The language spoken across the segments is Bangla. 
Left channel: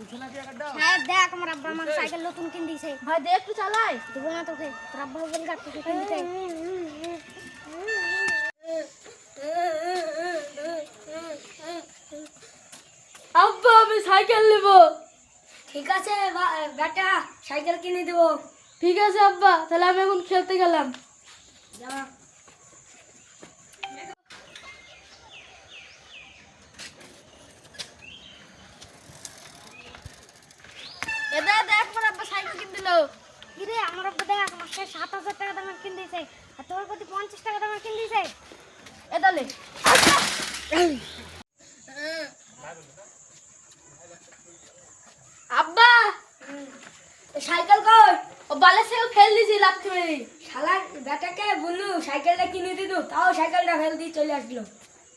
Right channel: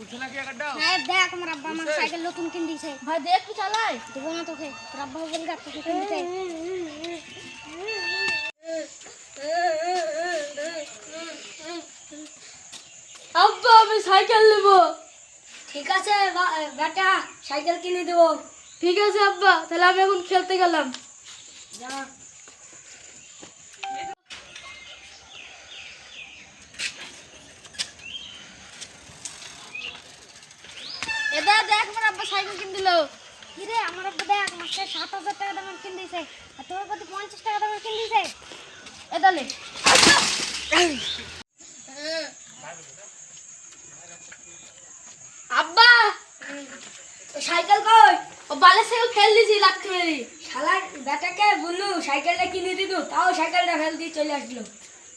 হ্যাঁ দেখ আমার আব্বা আমার সাইকেল নতুন কিনে দিয়েছে। ভাই দেখ একটু চালাই। দেবো না তোকে, তোর আব্বা বলি তোকে কিনে দিতে। আব্বা আমি সাইকেল নেব। ঠিক আছে বেটা, সাইকেল কিনে দেবো। ঠিক আছে আব্বা, তাহলে আমি এখন খেলতে গেলাম। যা। এদা দেখ আমার আব্বা সাইকেল কিনে দিল। কি রে আমার আব্বা দেখ মাসে 7,000 টাকা দামের কিনে দিয়েছে, আর তোর প্রতি 50 টাকা দামের কিনে দিয়েছে। এদালে আব্বা সাইকেল কই? ও বালে সাইকেল ফেল দিয়েছি লাথি মেরে। শালা বেটাকে বললু সাইকেলটা কিনে দিত, তাও সাইকেলটা ফেল দিয়ে চলে আসলো।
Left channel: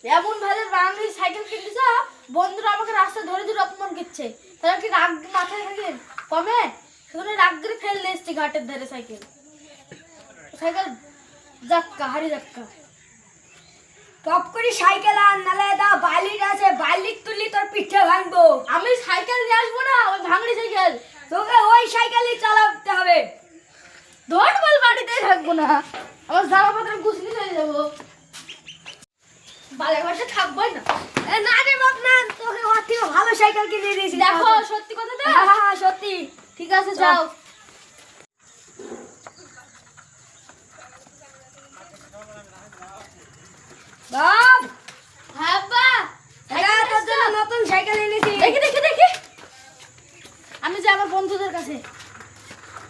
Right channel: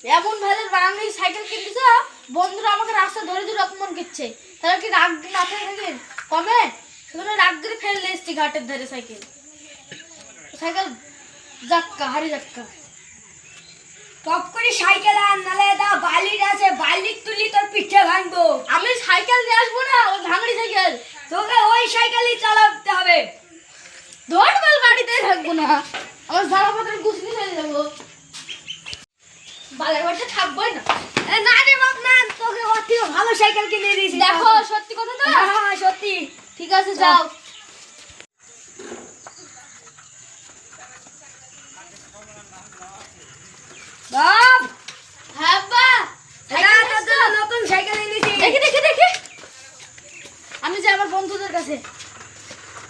এমন ভালো বাঙালি সাইকেল কিনে দিছে, বন্ধুরা আমাকে রাস্তা ধরে ধরে অপমান করছে। তাহলে কি রাগ মাথায় থাকে কমে? সেখানে রাগ ধরে ফেললে এসছি ঘাটের ধারে সাইকেল। সাইকেল যাক্কা হারি যাক্কা। টপ করে সাইকেল আন, নালে দা বালির আছে, বালির তুলি তোর পিঠে ভাঙবো। আমি সাইকেল নিয়ে আসবো না, ওই ভাঙড়ি সাইকেল। তোকে ওই সাইকেলই চালাতে হবে। ধর বল বাড়িতেই থাকবো না, আমার জামা পত্র গুছিয়ে চলে যাবো। বালের বাড়িতে থাকবোই না। এ না রে বাপ না, তোকে ওর থেকে ভালো সাইকেল কিনে দিয়েছি। দেখো সত্যি কথা তো। হ্যাঁ হ্যাঁ সত্যি। ঠিক আছে যাও। বাপ হ্যাঁ আব্বা এটা তোর জন্য নতুন সাইকেল এনেছি। দেখি দেখি দেখি। আমি যাই আমার বন্ধুদের কাছে।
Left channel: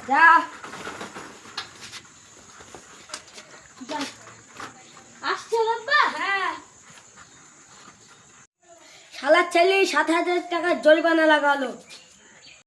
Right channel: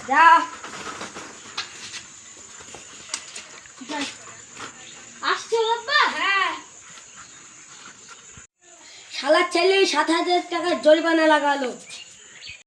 যা। যাই। আসছো আব্বা? হ্যাঁ। শালার ছেলে 7,000 টাকা জরিমানা লাগালো।